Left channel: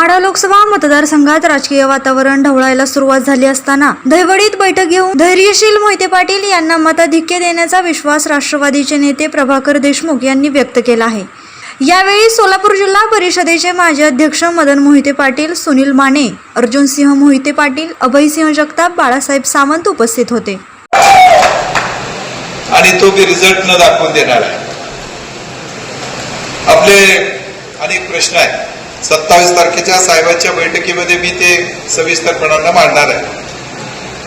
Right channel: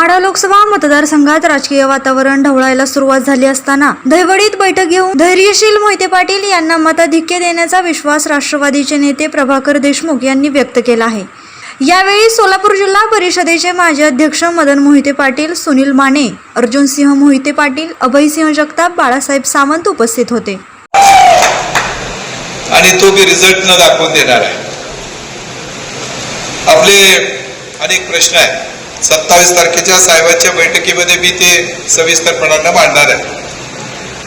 माढा लोकसभा मतदारसंघात राजकीय वातावरण ढवळायला सुरुवात झाली असताना दैवडीत बैठक घेऊन धैर्यशील मोहिते पाटील यांना मताधिक्य देण्याचा विश्वास राष्ट्रवादीचे नेते प्रभाकर देशमुख यांनी व्यक्त केला आहे. यावेळी सोलापूर जिल्हा परिषदेचे माजी अध्यक्ष मदन मोहिते पाटील सुनील माने अर्जुन सिंह मोहिते पाटील अभयसिंह जगताप बाळासाहेब सावंत उपस्थित होते. आणि तो मी रिझल्ट न दाखवून देणार. आहे आपले अनेक प्रश्न आहेत. सत्तावीस तारखेच्या साहेबांच्या बैठकीमध्ये मी ते सविस्तरपणाने मांडणार आहे.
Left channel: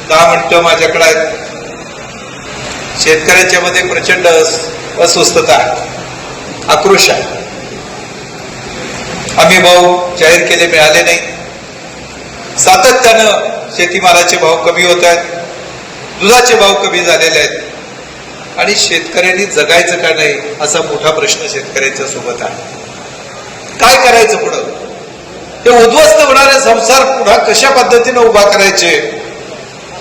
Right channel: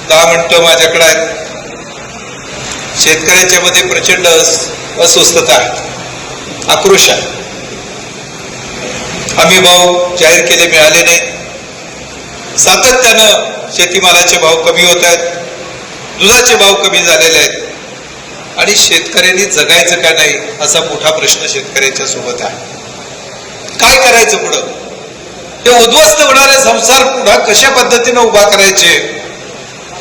दहा मिनटं माझ्याकडे आहेत शेतकऱ्यांच्या मध्ये प्रचंड अस्वस्थता आहे. आक्रोश आहे. आम्ही भाव जाहीर केले मिळाले नाहीत सातत्यानं शेतीमालाचे भाव कमी होत आहेत. दुधाचे भाव कमी झालेले आहेत. आणि शेतकऱ्यांनी जगायचं का नाही असा मोठा प्रश्न शेतकऱ्यांच्या सोबत आहे. काय करायचं पुढं? ते उद्ध्वस्त होणारे संसार पुन्हा कशा पद्धतीने उभा करायचे?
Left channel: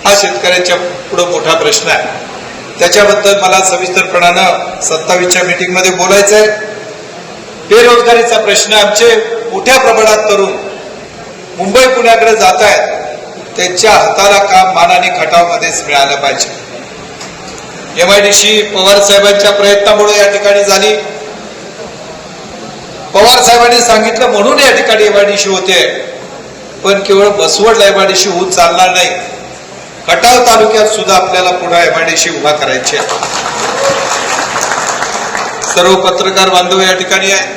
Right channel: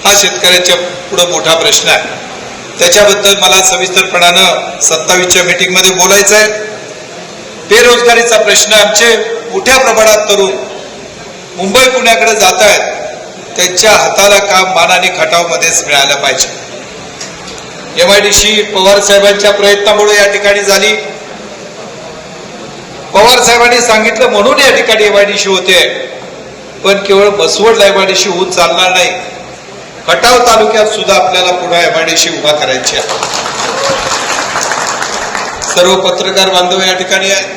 हा शेतकऱ्याच्या पुढं मोठा प्रश्न आहे. त्याच्याबद्दल मला सविस्तरपणानं सत्तावीसच्या मीटिंगमध्ये बोलायचं आहे. बेरोजगारीचा प्रश्न आमचे मोठ्या प्रमाणात तरुण मुंबई पुण्याकडे जात आहेत. त्यांच्या हाताला काम मानाने खटावमध्येच मिळालं पाहिजे. एमआयडीसी पवार साहेबांच्या प्रयत्नामुळे या ठिकाणी झाली. पवार साहेबांनी सांगितलं म्हणून या ठिकाणी एमआयडीसी होते. पण केवळ बसवड एमआयडीसी होऊन चालणार नाही. खटाव तालुक्यात सुद्धा आपल्याला पुन्हा एमआयडीसी उभा करायची आहे. सर्व पत्रकार बांधव या ठिकाणी आहे.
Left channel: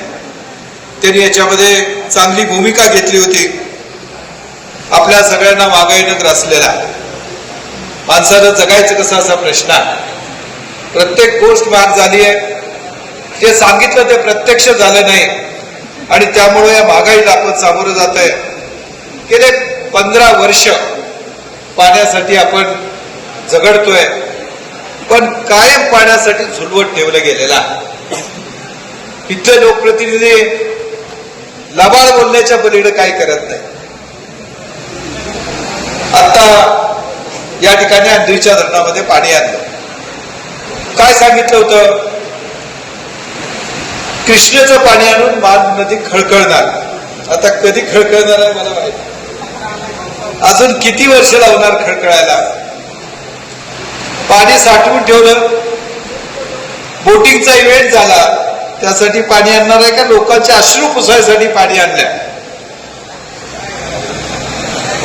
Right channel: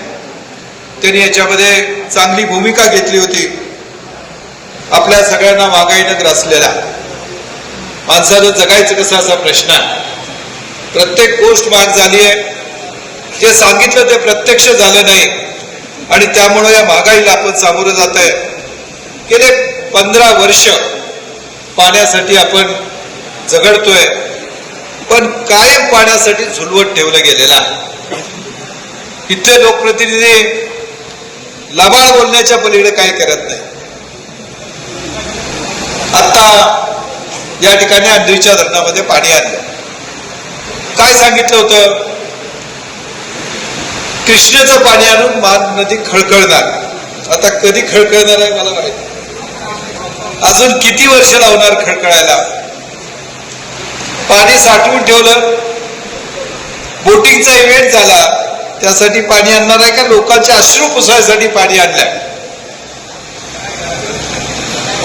त्यांनी याच्यामध्ये चांगली भूमिका घेतली होती. आपल्या सगळ्यांना महागाईनं ग्रासलेला. आहे. माणसानं जगायचं कसं असा प्रश्न आहे. प्रत्येक गोष्ट महाग झाली आहे. जे सांगितलं ते प्रत्यक्ष झालं नाही. आणि त्यामुळे या महागाईला आपण सामोरे जात आहे. गेले पंधरा वर्ष पाण्यासाठी आपण झगडतोय पण कायम पाण्यासाठी झुलवत ठेवलं गेलेलं इथले लोकप्रतिनिधी लबाड बोलण्याच्या पलीकडे काय करत नाही. आता या ठिकाणी अंधरीच्या धरणामध्ये पाणी आणलं. काय सांगितलं होतं? कृष्णेचं पाणी आणून मान नदी खळखळणार. आता कधी खळखळणार आहे मला माहिती अजून किती वर्ष लावणार खळखळायला? पाणी साठवून ठेवलं. बोटिंगचा इव्हेंट झाला. त्यासाठी पाणी आणणार आहे का? लोकांचे अश्रू पुसायसाठी पाणी आणलंय.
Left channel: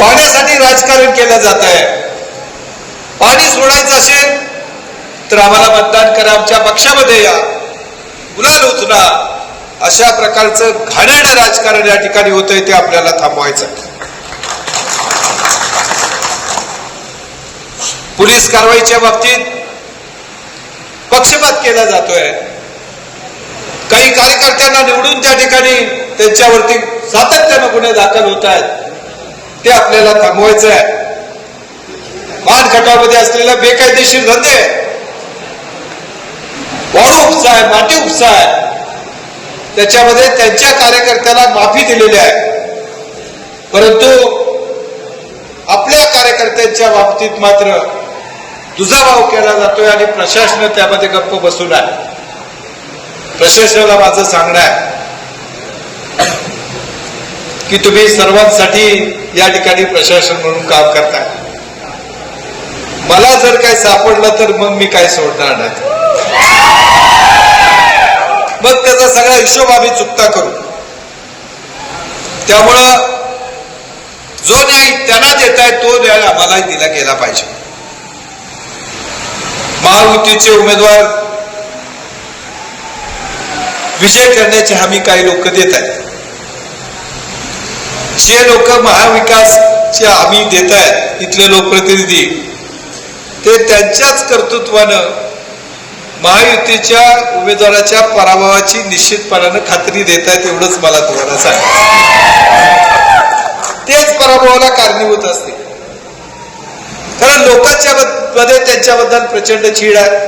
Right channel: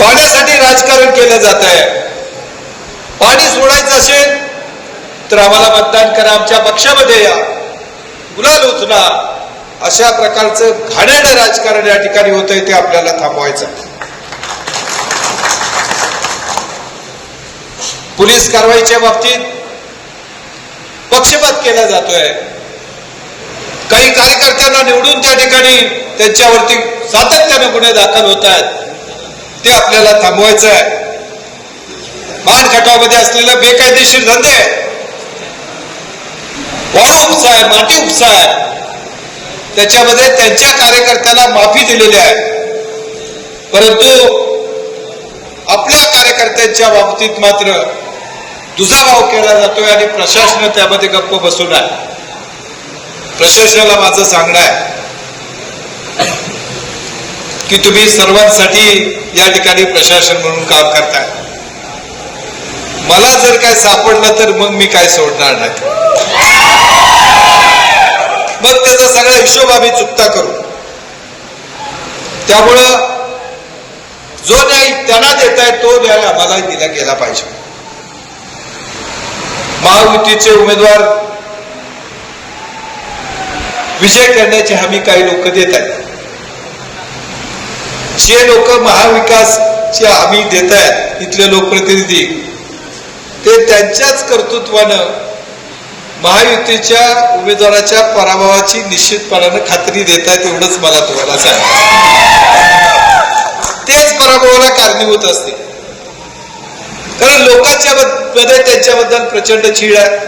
पाण्यासाठी राजकारण केलं जात आहे. पाणी सोडायचं असेल तर आम्हाला मतदान करा. आमच्या पक्षामध्ये या. गुलाल उतणार अशा प्रकारचं घाणेरडं राजकारण या ठिकाणी होत आहे ते आपल्याला थांबवायचं. पोलीस कारवाईच्या बाबतीत पक्षपात केला जातोय. काही कार्यकर्त्यांना निवडून त्या ठिकाणी त्यांच्यावरती सातत्यानं गुन्हे दाखल होत आहेत ते आपल्याला थांबवायचं आहे मानखटावमध्ये असलेले बेकायदेशीर धंदे वाळू उपसा आहे माती उपसा आहे त्याच्यामध्ये त्यांच्या कार्यकर्त्यांना माफी दिलेली आहे. परंतु आपल्या कार्यकर्त्यांच्या बाबतीत मात्र दुजाभाव केला जातोय आणि प्रशासन त्यामध्ये गप्प बसून आहे. प्रशासनाला माझं सांगणं आहे की तुम्ही सर्वांसाठी या ठिकाणी प्रशासन म्हणून काम करताय. मला जर काय सापडलं तर मग मी काय सोडणार नाही. मग त्याचा सगळा हिशोब आम्ही चुकता करू. त्यामुळं जो न्याय त्यांना देताय तो न्याय आम्हालाही दिला गेला पाहिजे. महायुतीचे उमेदवार विजय करण्याची हमी काही लोक देत आहेत. जे लोक महाविकासची हमी देत आहेत इथले लोकप्रतिनिधी ते त्यांच्याच कर्तृत्वानं महायुतीच्या उमेदवाराच्या पराभवाची निश्चितपणानं खात्री देत आहेत एवढंच मला तुम्हाला सांग तेच पराभवाला कारणीभूत असते. कारण लोकांच्या मध्ये त्यांच्याबद्दल प्रचंड चीड आहे.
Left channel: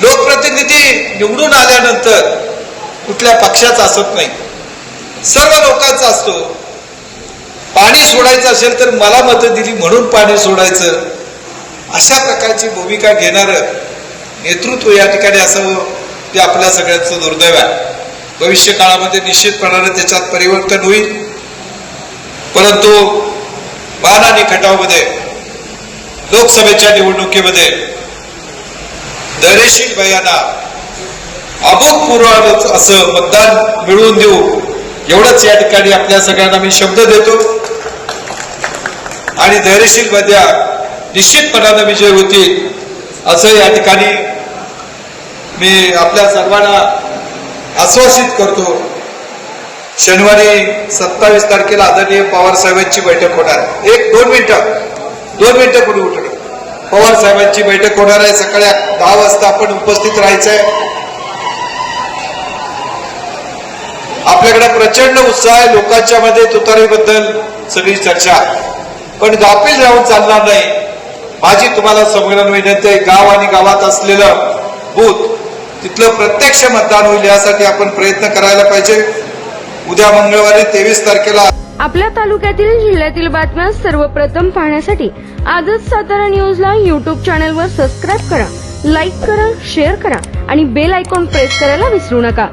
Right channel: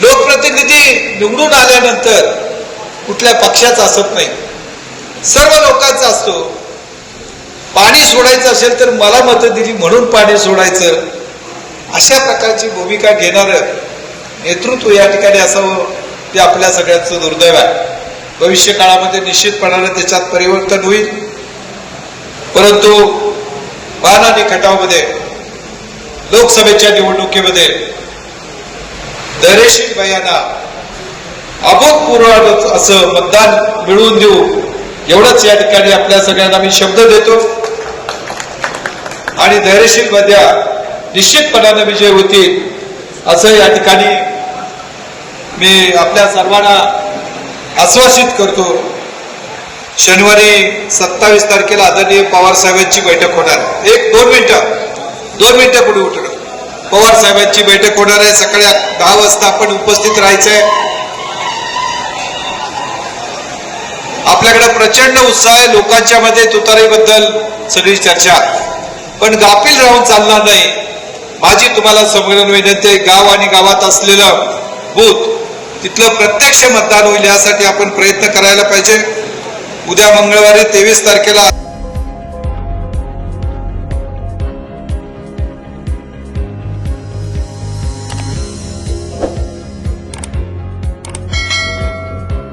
लोकप्रतिनिधी निवडून आल्यानंतर कुठल्या पक्षाचा असत नाही. सर्व लोकांचा असतो. पाणी सोडायचं असेल तर मला मतं दिली म्हणून पाणी सोडायचं. अशा प्रकारची भूमिका घेणार नेतृत्व या ठिकाणी असावं ते आपल्या सगळ्यांचं दुर्दैव आहे. भविष्य काळामध्ये निश्चितपणाने त्याच्यात परिवर्तन होईल. परंतु वाहन आणि खटावमध्ये लोकसभेच्या निवडणुकीमध्ये धैर्यशील भयाना अभूतपूर्व असं मतदान मिळवून देऊ एवढंच या ठिकाणी आपल्या सगळ्यांना मी शब्द देतो. आणि धैर्यशील मध्या निश्चितपणानं विजय होतील असं या ठिकाणी मी आपल्या सर्वांना आश्वासित करतो शनिवारी सत्तावीस तारखेला आदरणीय पवार साहेबांची बैठक होणार आहे. एक दोन मिनिटं दोन मिनिटं पुढे उठलो पवार साहेबांची बैठक होणार आहे. सकाळी दहा वाजता आपण उपस्थित राहायचंय. आपल्याकडे प्रचंड उत्साह आहे. लोकांच्या मध्ये तुतारीबद्दल सगळी चर्चा. पण गाफील राहून चालणार नाही. माझी तुम्हाला संमेलन विनंती आहे. गाव आणि गावात असलेलं बूथ तिथलं प्रत्यक्ष मतदान होईल यासाठी आपण प्रयत्न करायला पाहिजे. उद्या मंगळवारी तेवीस तारखेला आपल्या तालुक्यातील जिल्ह्यातील बातम्या सर्वप्रथम पाहण्यासाठी आजच सातारा न्यूजला यूट्यूब चॅनलवर सबस्क्राईब करा लाईक करा शेअर करा आणि बेल आयकॉन प्रेस करायला विसरू नका.